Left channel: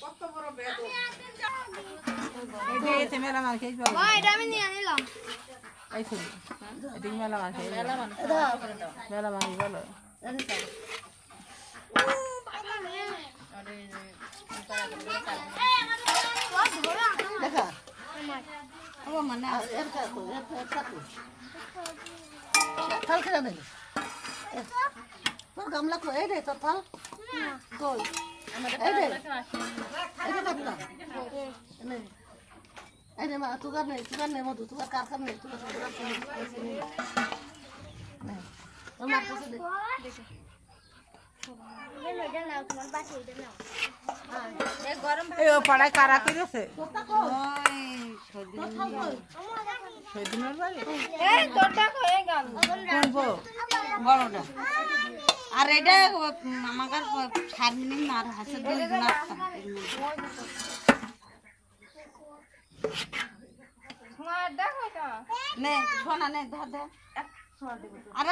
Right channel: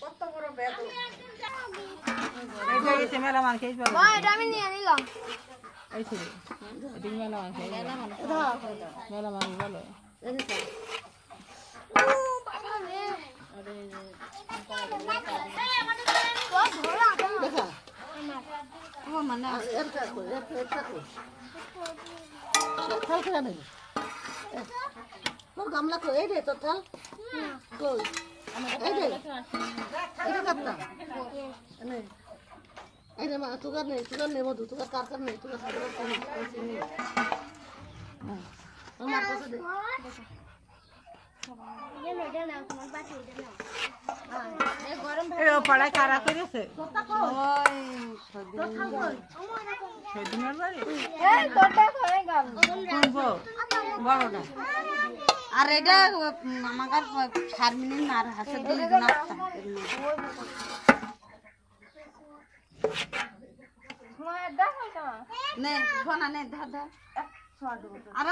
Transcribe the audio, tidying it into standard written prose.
কত বড় বেদ মেলা মাল খেয়ে এটা আমি নিয়ে নিলাম এই ছিল এদিকে মেলা মাল খেয়ে মেলা মাল বলো তোর গামলা কই এই রে তোর থাল কই এই রে এটা কাটতা এই রে মা তুগার নেই মধু তুগার কারকার নেই তুগার নেই আমার কাছে দে পড়ায় কারা করেছে বড়টা আর এটা আমার শারমিন আর হাসে দুইজন নে শোনা নে ধর আর